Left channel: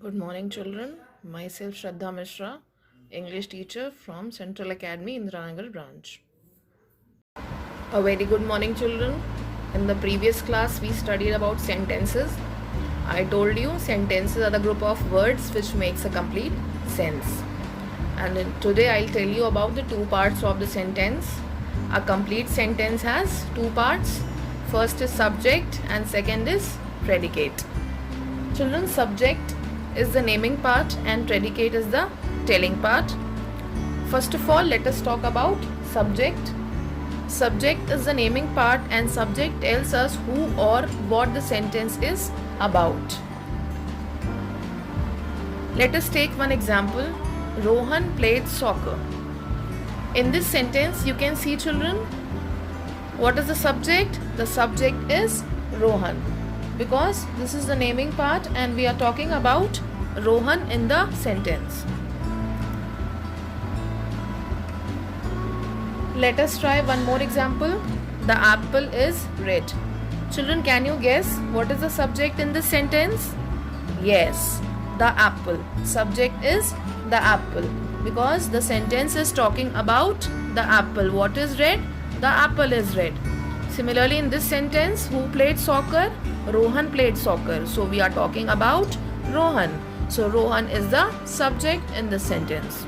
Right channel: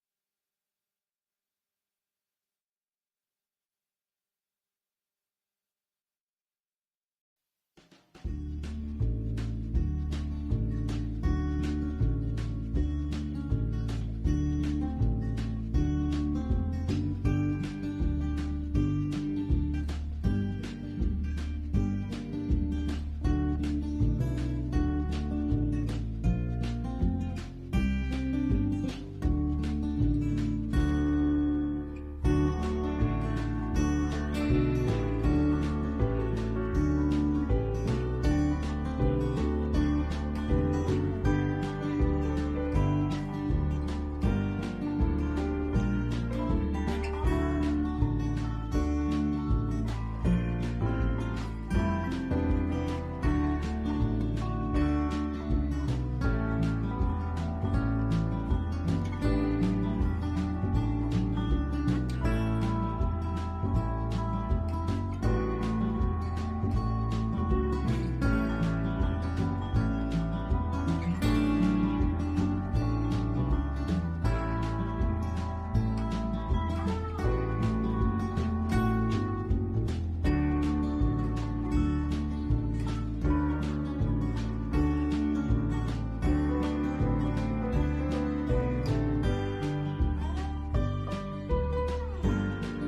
Good morning, children. Myself Shraddha Mishra, English teacher from Central Academy, Indiranagar branch. A very good morning, children. In the previous class, we studied about sentences. I told you sentences are the group of words which makes a complete sense. And today I'll tell you about the two parts of the sentence. A complete sentence has two parts. First is subject and second is predicate. Children, subject is the naming part and predicate is the telling part. First of all, let us talk about subject. Subject is the naming part and subject tells us who or what the sentence is about. Let us take one example. Rohan played soccer. In this sentence, you can see, children, what is the subject? The subject is Rohan, because this is the naming part and we are talking about Rohan in the sentence. Let us try one more example. The apple is red. Children, can you guess what is the subject in this sentence? Yes, the apple. Subject is the apple, because the sentence is talking about the apple. What is red? The apple is red. Similarly, in this sentence, who played soccer? Rohan played soccer. So we are talking about Rohan. So Rohan is the subject in this sentence.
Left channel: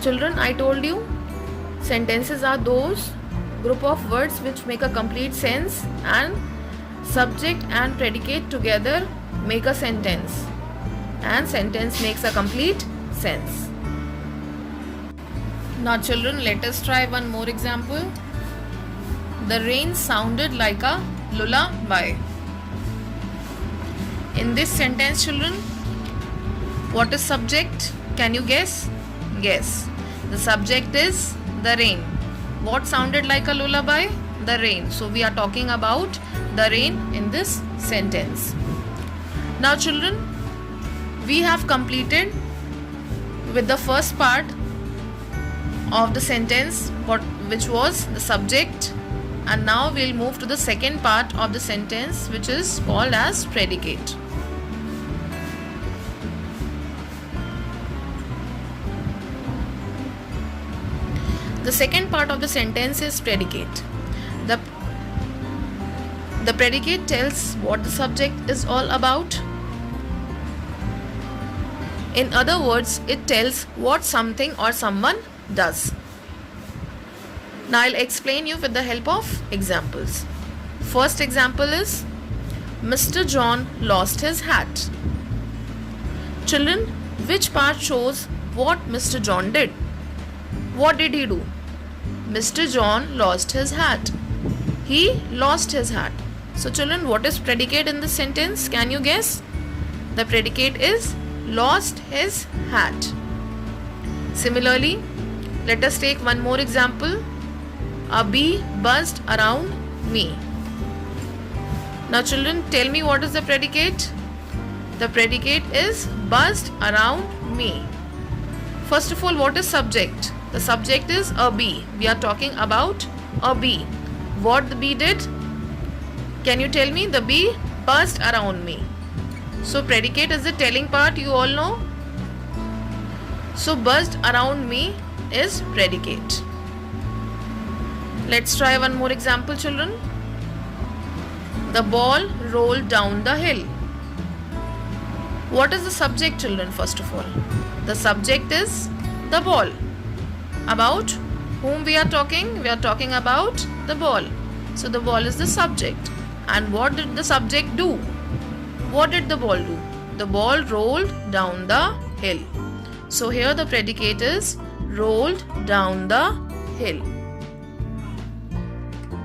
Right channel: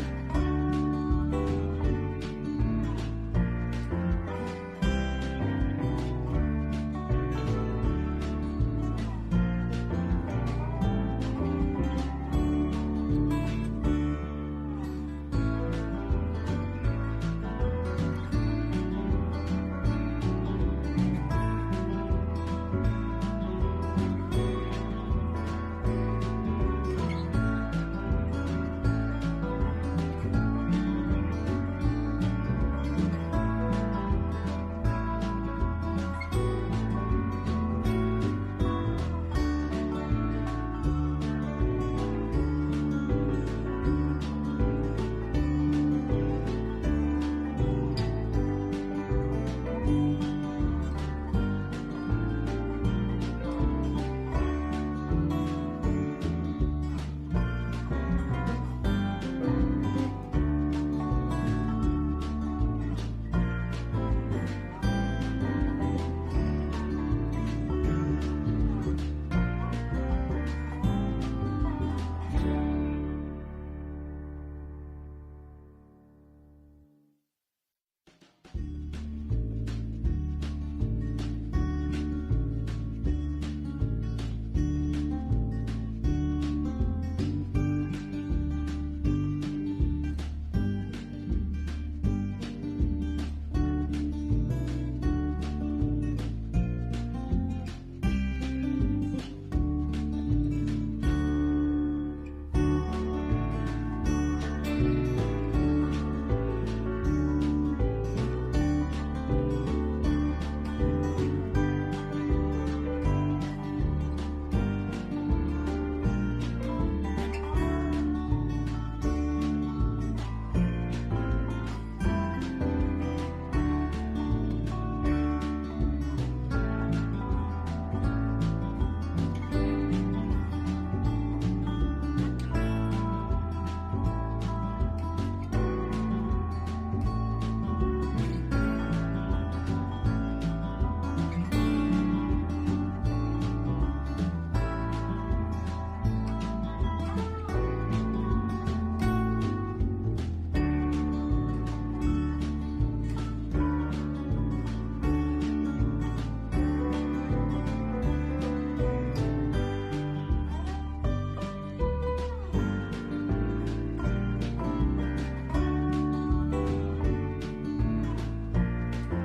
Children, I told you sentences are those group of words which make a complete sense, and subject and predicate together make a sentence, and sentence makes a complete sense. Now children, let us try one more example. The rain sounded like a lullaby. In this sentence, children, what is subject? Can you guess? Guess. The subject is the rain. What sounded like a lullaby? The rain. So we are talking about the rain in this sentence. Now children, we have completed with the first part of the sentence, which was the subject, and now we'll move to the second part of the sentence, which is called as predicate. The second part of the sentence is predicate. The predicate tells what the subject is all about. In other words, it tells what something or someone does. Now I'll explain you with the help of examples. First example is Mr. John lost his hat. Children, which part shows what Mr. John did? What did he do? Mr. John lost his hat. He lost his hat. So children, what is predicate in this sentence? Can you guess? The predicate is lost his hat. Similarly, let us take one more example. A bee buzzed around me. Now children, tell me what is the predicate? The predicate is buzzed around me. First of all, what is subject? The subject is a bee. We are talking about a bee. What the bee did? Can you tell me? The bee buzzed around me. So predicate is the telling part, you all know. So buzzed around me is predicate. Let's try one more example, children. The ball rolled down the hill. What is the subject, children, first of all? The subject is the ball. About whom we are talking? We are talking about the ball. So the ball is the subject. And what did the subject do? What did the ball do? The ball rolled down the hill. So here the predicate is rolled down the hill.